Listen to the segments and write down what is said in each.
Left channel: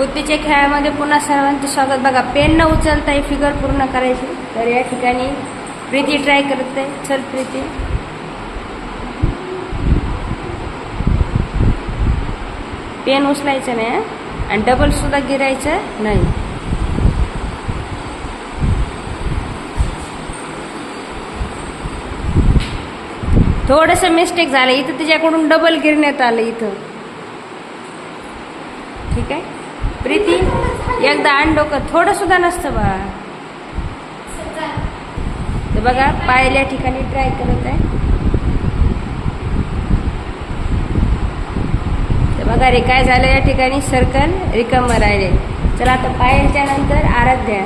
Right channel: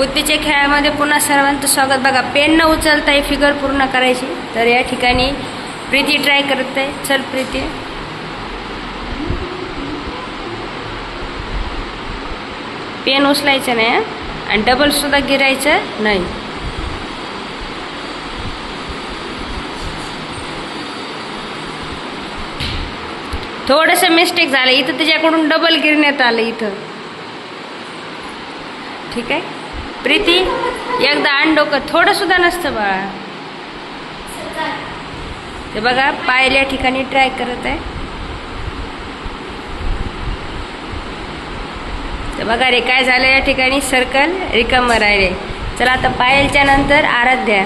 बुद्धीच्या खेळामध्ये पुन्हा सर्वांचं स्वागत बघा पेन न उचलता ही फिगर पूर्ण करायची तर या ठिकाणी प्रीती ट्राय करत आहे चल प्रीती पेन उचलायचं नाही आणि डबलसुद्धा गिरायचं नाही थोडस मिस्टेक झालं इथं त्याच्याकडून डबल गिरण्यात आलं इथं ठीक आहे प्रीती एकदा आण डोकं थोडंसुद्धा नसतं बा ते बघा पायल्या ठिकाणी ट्राय करत आहे तर बघा रे काय झालं या ठिकाणी सर्कल रिकमर आहे चला आता पायलच्या नंतर आराध्या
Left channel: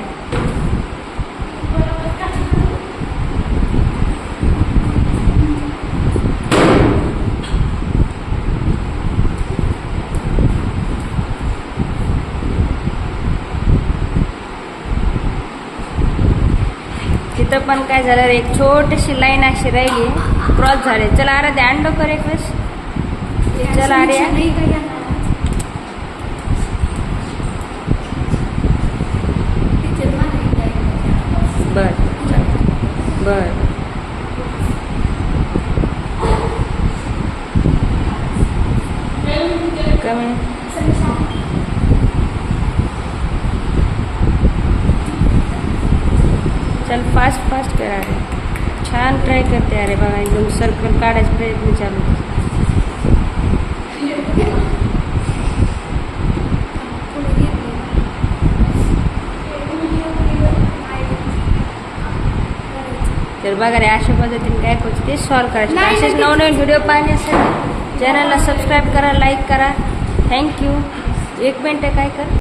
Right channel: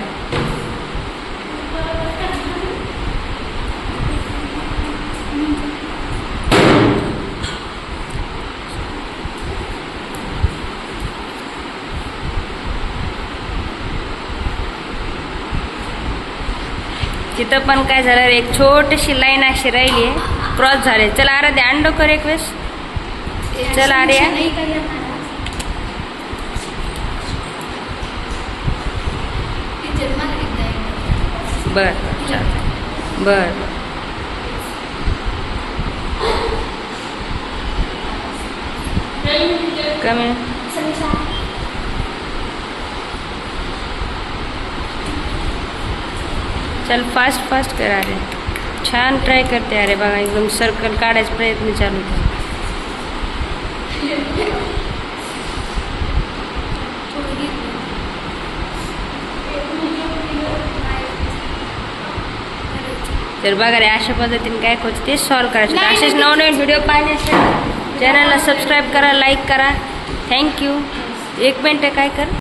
तिथं पण काय झालं एक छोटीशी लाईन अशी राहिली आहे क्रॉस झाले चला द्या अंड कर एक वेळेस चल अरे बर बर बर कमी चल फास्ट फास्ट करा रे छान ट्राई करते अरे बघा एकदम सर्कल काढायचा प्रयत्न चालू तर बघा रे अशा पद्धतीने काय करतो ते सॉल्व करायचं असेच नवनवीन व्हिडिओ पाहण्यासाठी चॅनलला सबस्क्राईब करा लाईक करा थँक्यू एक मिनटं काय कर